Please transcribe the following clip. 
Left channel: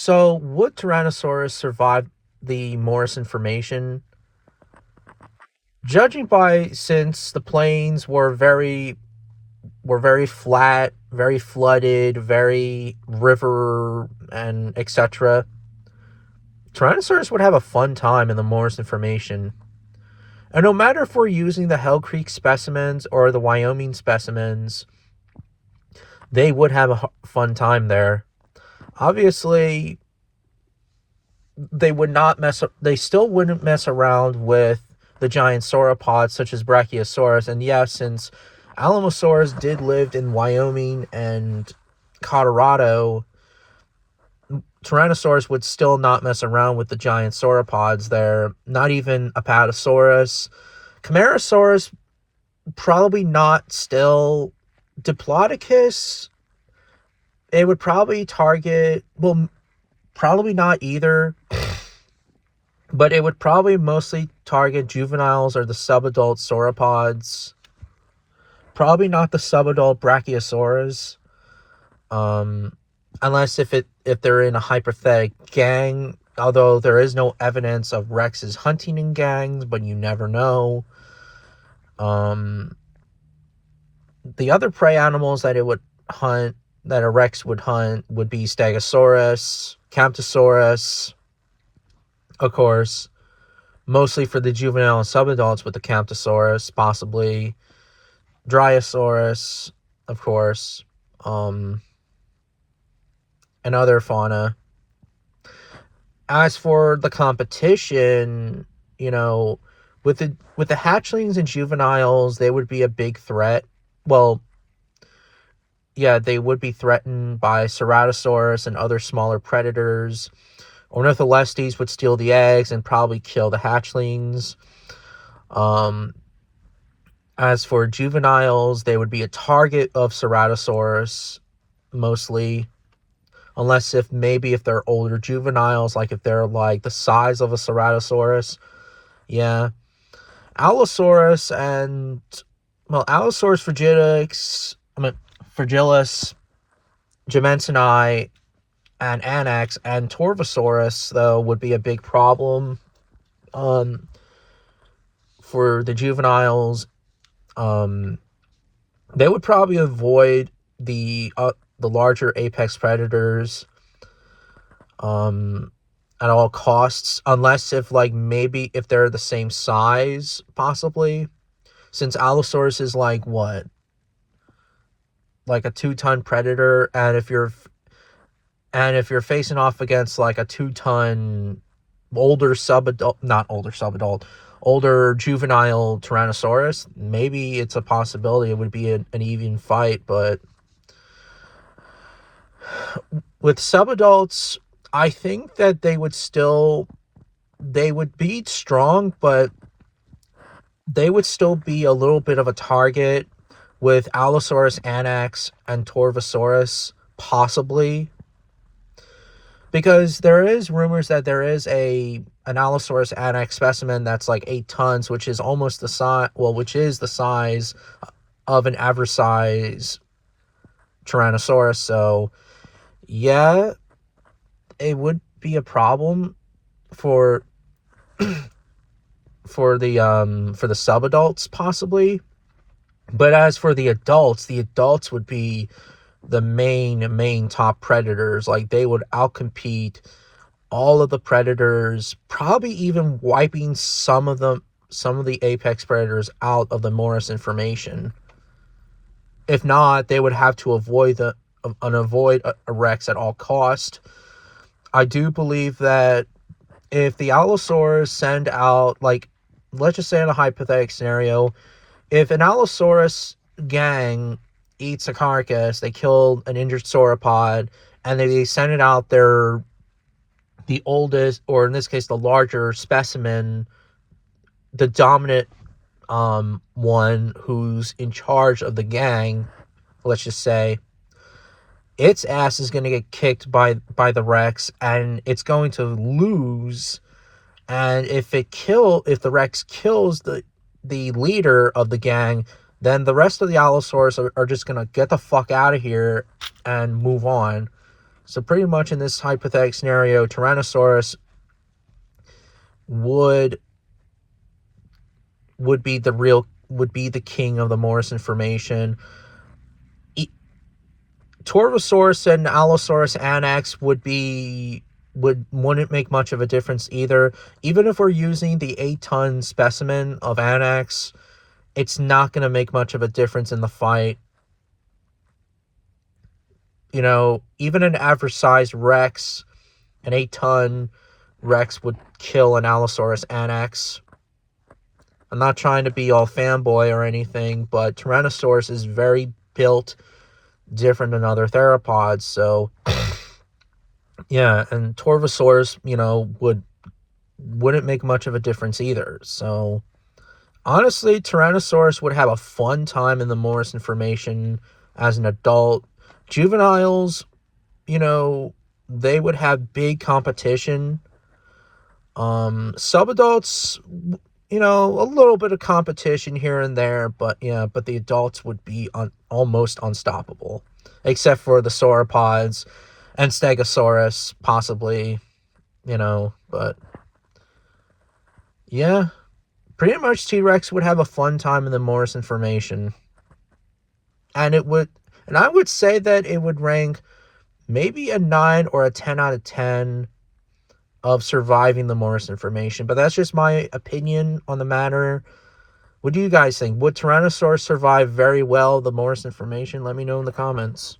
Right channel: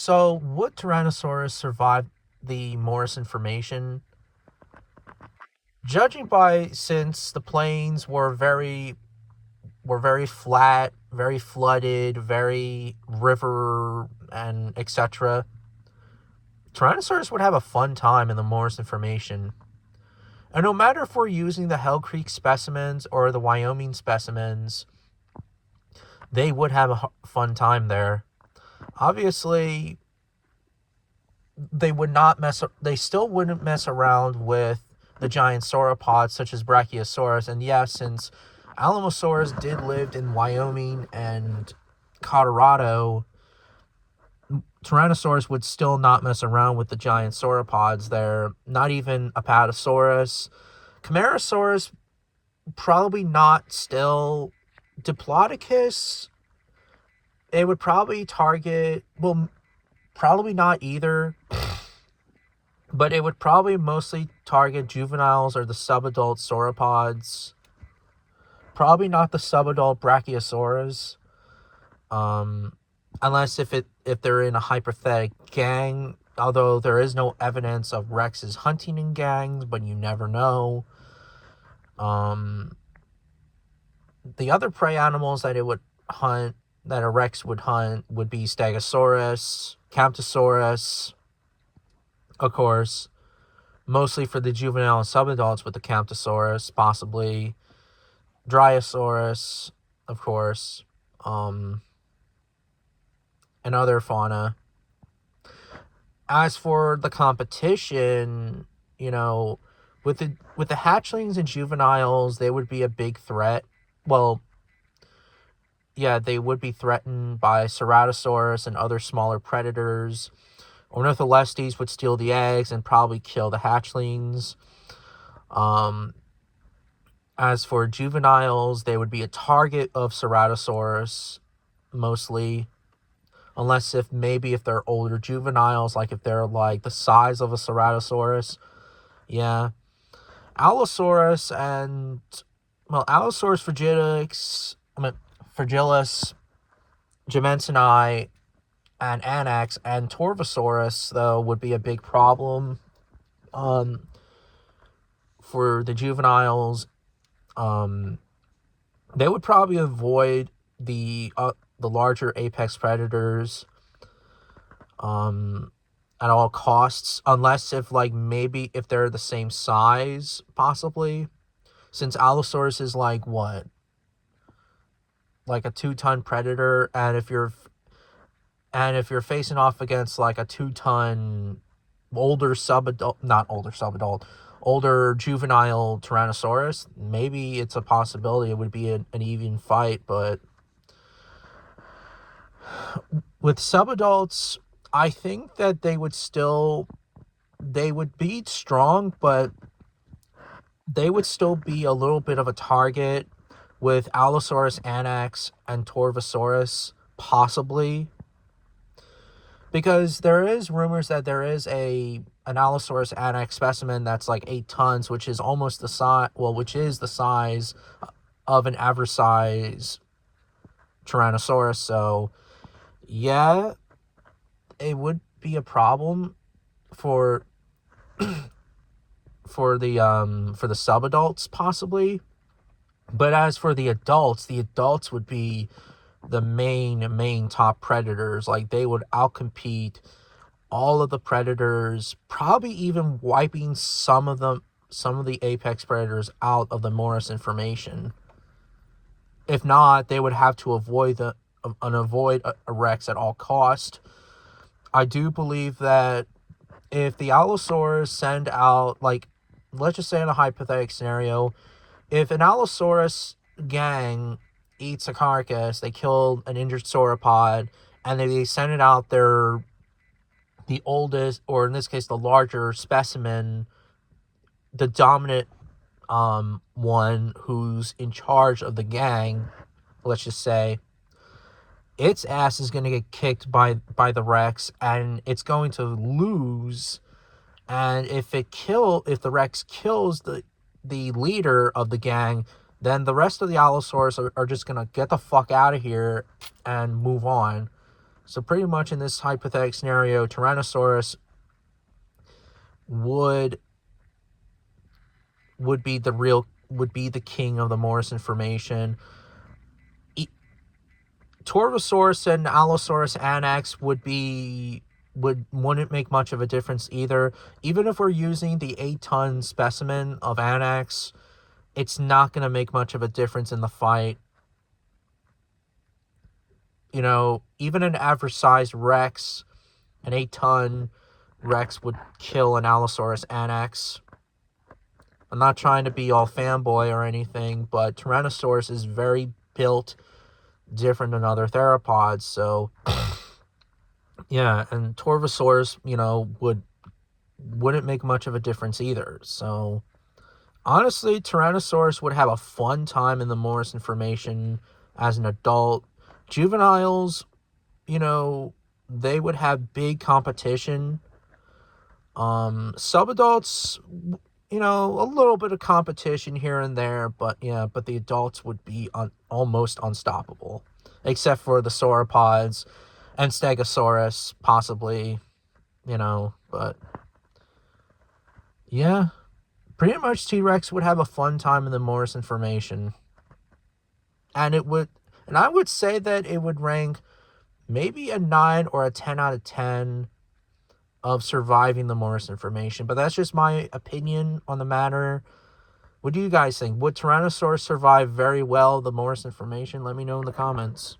So, would Tyrannosaurus survive the Morrison formation? Judging by since the plains were very flat, very flooded, very river and etc. Tyrannosaurus would have a fun time in the Morrison formation. And no matter if we're using the Hell Creek specimens or the Wyoming specimens, they would have a fun time there. Obviously, they still wouldn't mess around with the giant sauropods such as Brachiosaurus. And yes, since Alamosaurus did live in Wyoming and Colorado, Tyrannosaurus would still not mess around with the giant sauropods there. Not even Apatosaurus. Camarasaurus, probably not still. Diplodocus, it would probably target, well, probably not either, but it would probably mostly target juveniles or the subadult sauropods. Probably not the subadult Brachiosaurus. Unless if they're in a hypothetic gang, although there is no evidence of Rexes hunting in gangs, but you never know. The other prey animals that it would hunt, that a Rex would hunt, would be Stegosaurus, Camptosaurus, of course, mostly for the juvenile and subadults with the Camptosaurus, possibly Dryosaurus, of course, and other fauna. As for the competition, with the hatchlings and juveniles, they would be a big threat. Well, yeah, they would be threatened by Ceratosaurus and other smaller predators. Ornitholestes would steal the eggs and probably kill the hatchlings. As for juveniles, they would be a target of Ceratosaurus, mostly. Unless if they're older juveniles, like if they're like the size of a Ceratosaurus. Yeah. Allosaurus and, Allosaurus fragilis, Gemensini, and Anax, and Torvosaurus, though, would be a big problem for the juveniles. They would probably avoid the larger apex predators at all costs, unless if they're the same size, possibly, since Allosaurus is like a 2-ton predator, and if you're facing off against like a 2-ton older juvenile Tyrannosaurus, maybe it's a possibility it would be an even fight. But with subadults, I think that they would be strong, but they would still be a little bit of a target with Allosaurus, Anax, and Torvosaurus, possibly. Because there is rumors that there is an Allosaurus Anax specimen that's like 8 tons, which is almost the size of an average size Tyrannosaurus. So, yeah, it would be a problem for for the subadults, possibly. But as for the adults would be the main top predators. Like, they would outcompete all of the predators, probably even wiping some of the apex predators out of the Morrison formation. If not, they would have to avoid a Rex at all cost. I do believe that if the Allosaurus send out, let's just say in a hypothetical scenario, if an Allosaurus gang eats a carcass, they kill an injured sauropod, and they send it out the oldest, or in this case, the larger specimen, the dominant one who's in charge of the gang, let's just say, its ass is going to get kicked by the Rex, and it's going to lose. And if the Rex kills the leader of the gang, then the rest of the Allosaurus are just going to get the fuck out of here and move on. So pretty much in this hypothetical scenario, Tyrannosaurus would be the king of the Morrison formation. Torvosaurus and Allosaurus annex wouldn't make much of a difference either. Even if we're using the 8-ton specimen of annex, it's not going to make much of a difference in the fight. You know, even an average sized Rex, an 8-ton Rex would kill an Allosaurus annex. I'm not trying to be all fanboy or anything, but Tyrannosaurus is very built different than other theropods. So yeah, and Torvosaurus, wouldn't make much of a difference either. So honestly, Tyrannosaurus would have a fun time in the Morrison formation as an adult. Juveniles, they would have big competition. Subadults, a little bit of competition here and there, but the adults would be almost unstoppable, except for the sauropods and Stegosaurus, possibly, but yeah, pretty much T-Rex would have a fun time in the Morrison formation, and I would say that it would rank maybe a 9 or a 10 out of 10 of surviving the Morrison formation, but that's just my opinion on the matter. What do you guys think? Would Tyrannosaurus survive very well the Morrison formation? Let me know in the comments.